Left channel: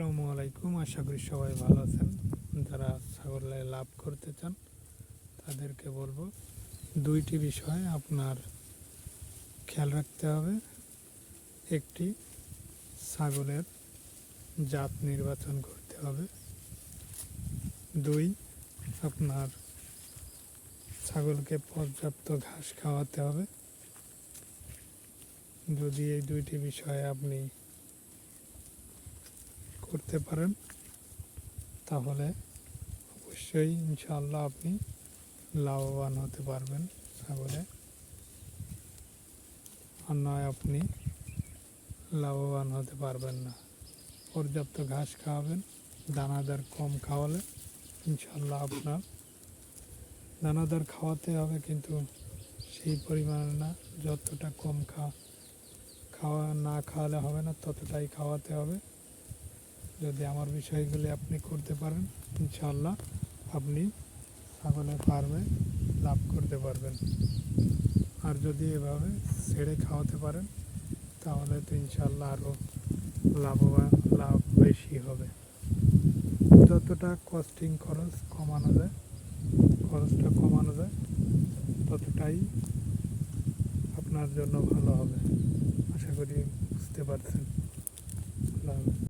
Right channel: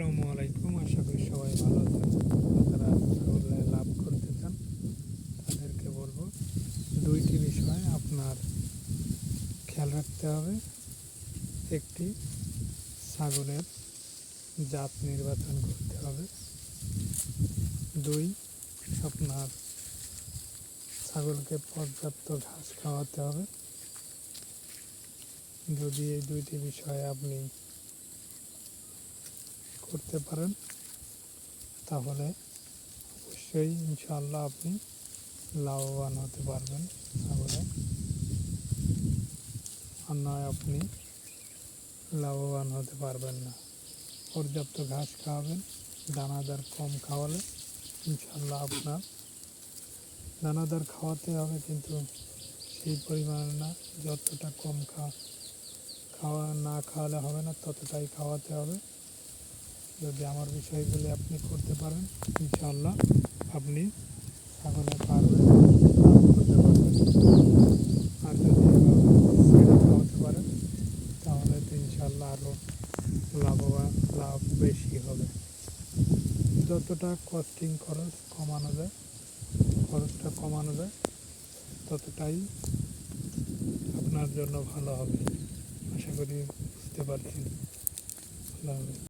আসসালামু আলাইকুম। আশা করি সবাই ভালো আছেন। যারা ছাগলে লাভ করতে চান তাদেরকে বলবো দুইটি বিষয় আপনার খেয়াল রাখতে হবে। একটি, ছাগলের জাত নির্বাচন করতে হবে। দুই, আপনার ছাগলকে পর্যাপ্ত ঘাস খাওয়াতে হবে। যদি এই দুইটি বিষয় আপনি করতে পারেন তাহলে অবশ্যই ইনশাআল্লাহ আপনি লাভবান হতে পারবেন ছাগলে। আর নয় আপনি লাভবান হতে পারবেন না। পর্যাপ্ত ঘাস খাওয়াবেন, দানাদার কম খাওয়ালে ইনশাআল্লাহ আপনার দানাদার খাওয়াতে হবে, কিন্তু সেই পরিমাণে না। যতটা কম খাওয়া না খাওয়ালে হবে না, ততটাই খাওয়াতে হবে। যদি আমার বিষয়গুলি আপনি করতে পারেন ইনশাআল্লাহ আপনি ছাগলে পারবেন, লাভ করতে পারবেন। আর যদি এভাবে ছেড়ে খাওয়াতে পারেন তাহলে তো ইনশাআল্লাহ আরও লাভ বেশি হবে। যতটা খরচটা কমানো যায় ততটাই আপনার জন্য ভালো হবে। আশা করি বুঝতে পারছেন। আল্লাহ হাফেজ।